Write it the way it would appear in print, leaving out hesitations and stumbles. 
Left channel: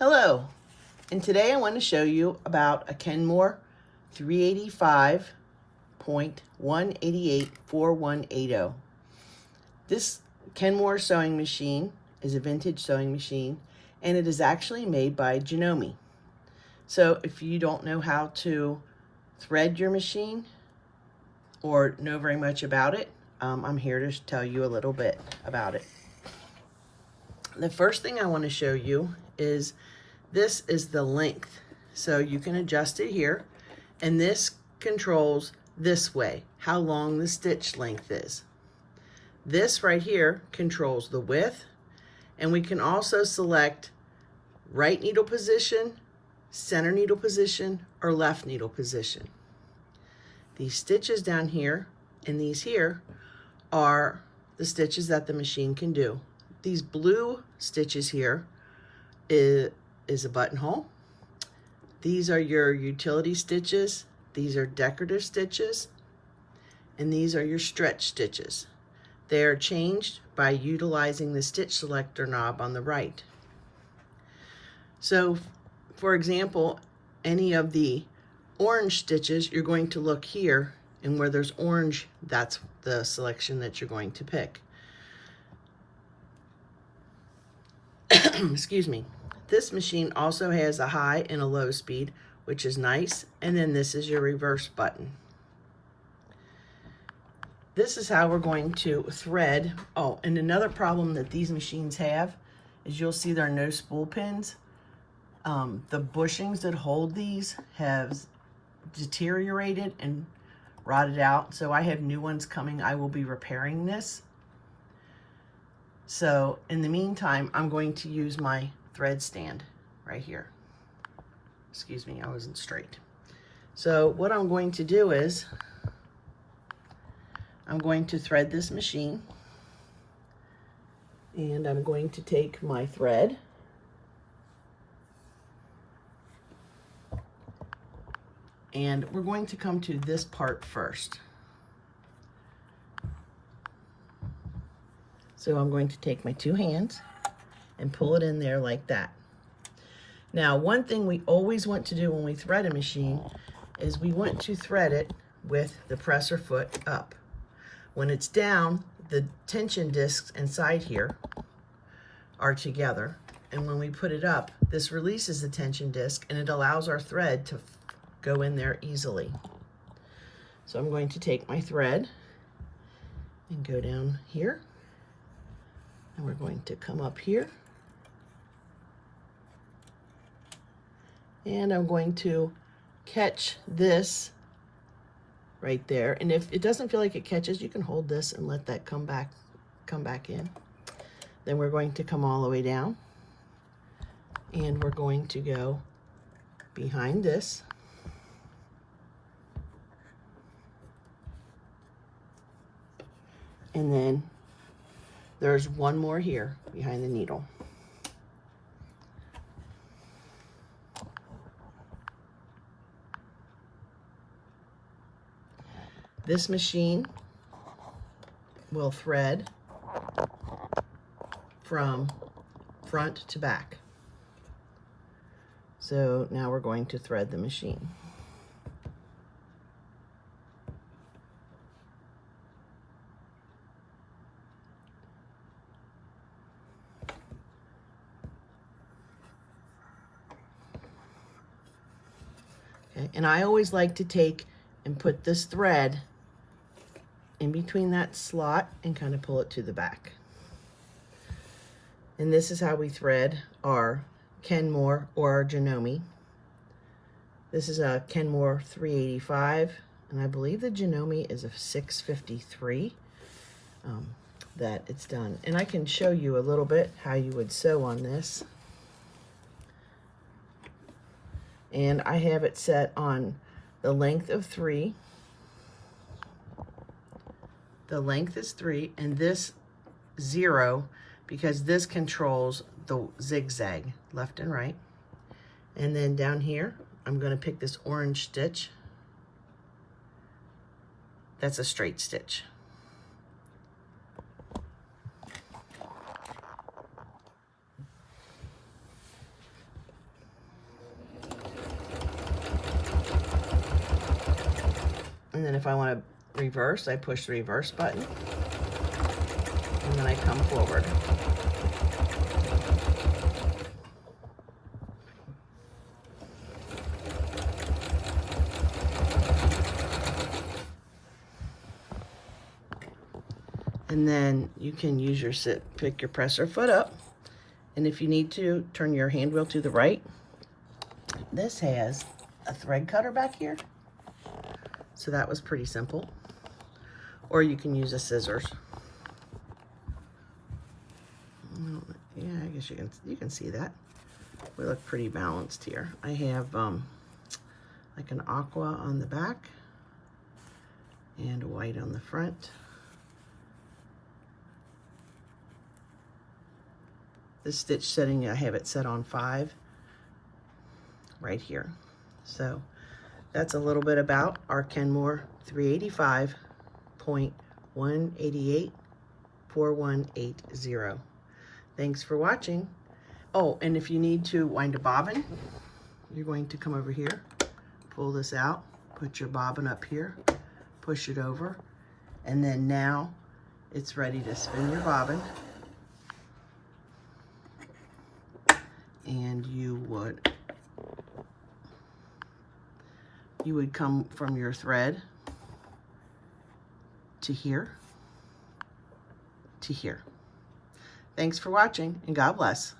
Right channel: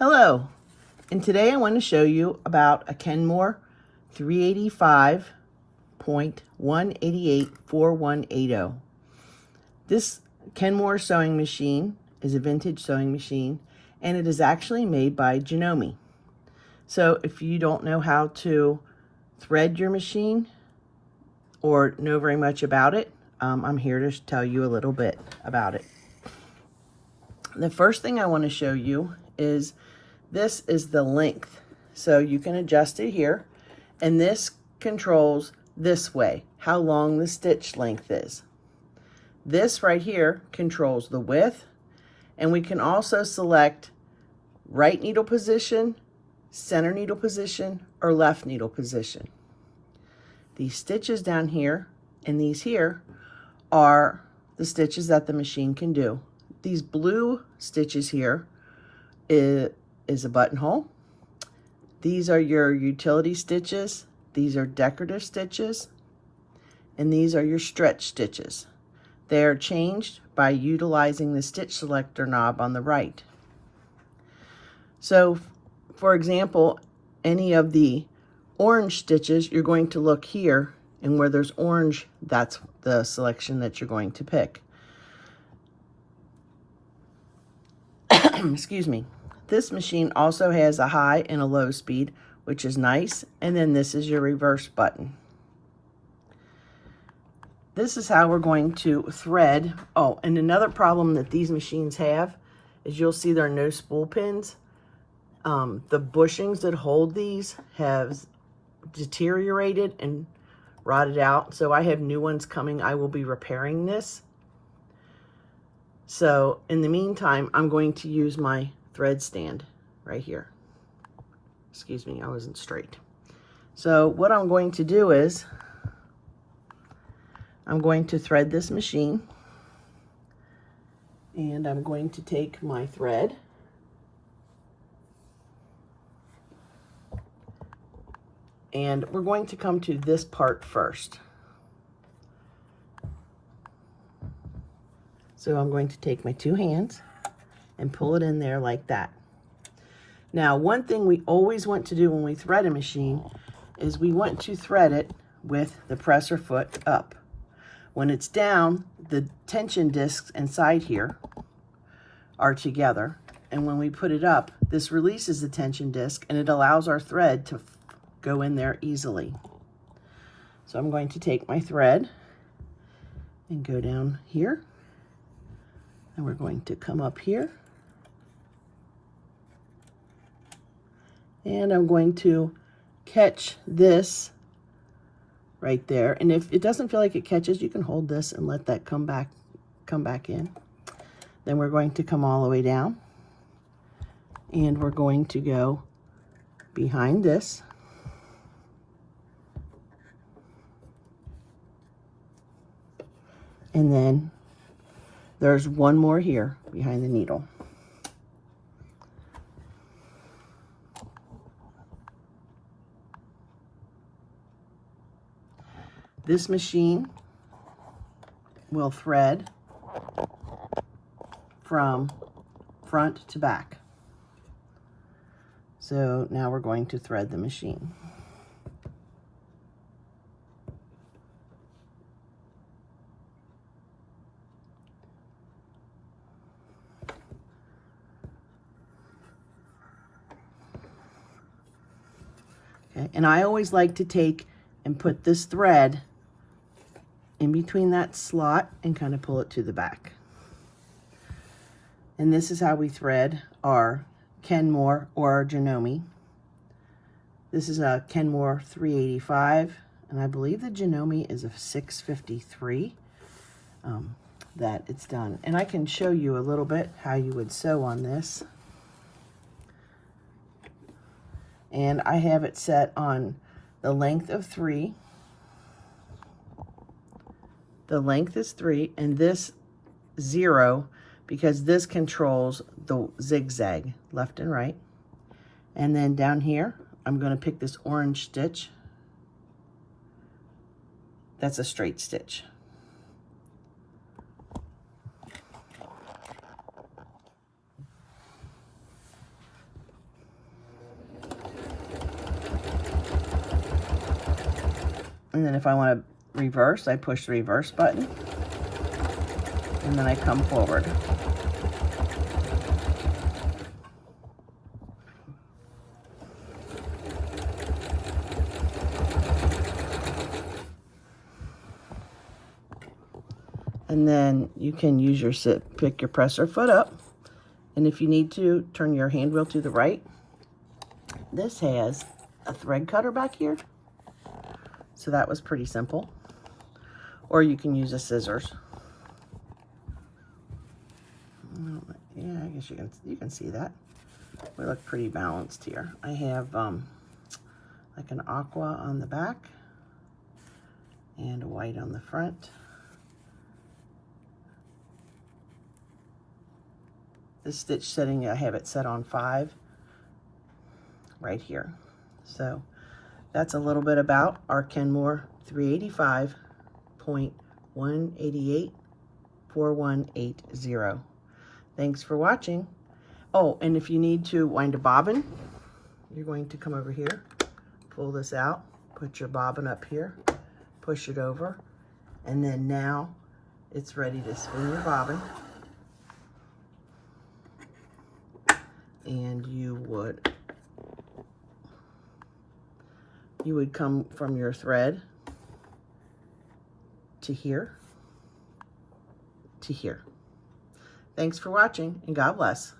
Hello, and today I want to show you about a Kenmore 385.1884180. This Kenmore sewing machine is a vintage sewing machine, and it is actually made by Janome. So if you don't know how to thread your machine or know very much about it, I'm here to tell you a little bit about it. The first thing I want to show you is this is the length. So you can adjust it here, and this controls this way, how long the stitch length is. This right here controls the width, and we can also select right needle position, center needle position, or left needle position. These stitches down here and these here are the stitches that the machine can do. These blue stitches here is a buttonhole. These are your utility stitches. These are decorative stitches. And these are your stretch stitches. They are changed by utilizing the stitch selector knob on the right. So, for example, any of the orange stitches, you're going to look here, and where there's orange, that's the selection that you're going to pick. Excuse me. This machine also has a high and a low speed, which is nice, and then this is your reverse button. This is how we're going to thread. Oh, and another problem that these machines have is you'll see there are no spool pins. The bushings that hold these have deteriorated and rotted out, so I have new ones coming. I will be repairing this. So in the meantime, I'm going to use my thread stand right here. Excuse me, I wasn't straight. So what I'm going to do is I'm going to thread this machine, and I'm going to take my thread and we're going to come to this part first. So I'm going to take my two hands and pull it in there like that. Now, one thing we always want to do when we thread a machine is we want to thread it with the presser foot up. When it's down, the tension discs inside here are together, and when we put it up, this releases the tension disc and it allows our thread to go in there easily. So I'm going to take my thread and go down here, and we're going to come up here, and I'm going to catch this right there. And if it doesn't feel like it catches, you can hold this and let that come back in. Then we're going to come all the way down, and we're going to go behind this, and then there's one more here behind the needle. This machine will thread from front to back. So now we're going to thread the machine. Okay, and I always like to take and put this thread in between that slot and kind of pull it to the back. And this is how we thread our Kenmore or our Janome. This is a Kenmore 385, and I believe the Janome is a 653 that it's done. And I can show you a little bit how you would sew on this. And I have it set on the length of 3. The length is 3, and this 0, because this controls the zigzag left and right. And then down here, I'm going to pick this orange stitch. That's a straight stitch. And then if I want to reverse, I push the reverse button, and then I come forward. And then you can use your pick your presser foot up. And if you need to, turn your hand wheel to the right. This has a thread cutter back here. So that was pretty simple. Or you can use a scissors. Yeah, I guess you can see that. We look pretty balanced here. I have like an aqua on the back and a white on the front. The stitch setting, I have it set on 5 right here. So that's a little bit about our Kenmore 385.188.4180. Thanks for watching. Oh, and if you need to wind a bobbin, you're going to come over here, pull this out, put your bobbin up here, push it over, and then now it's ready to spin your bobbin. And you would come from your thread to here to here. Thanks for watching, and God bless.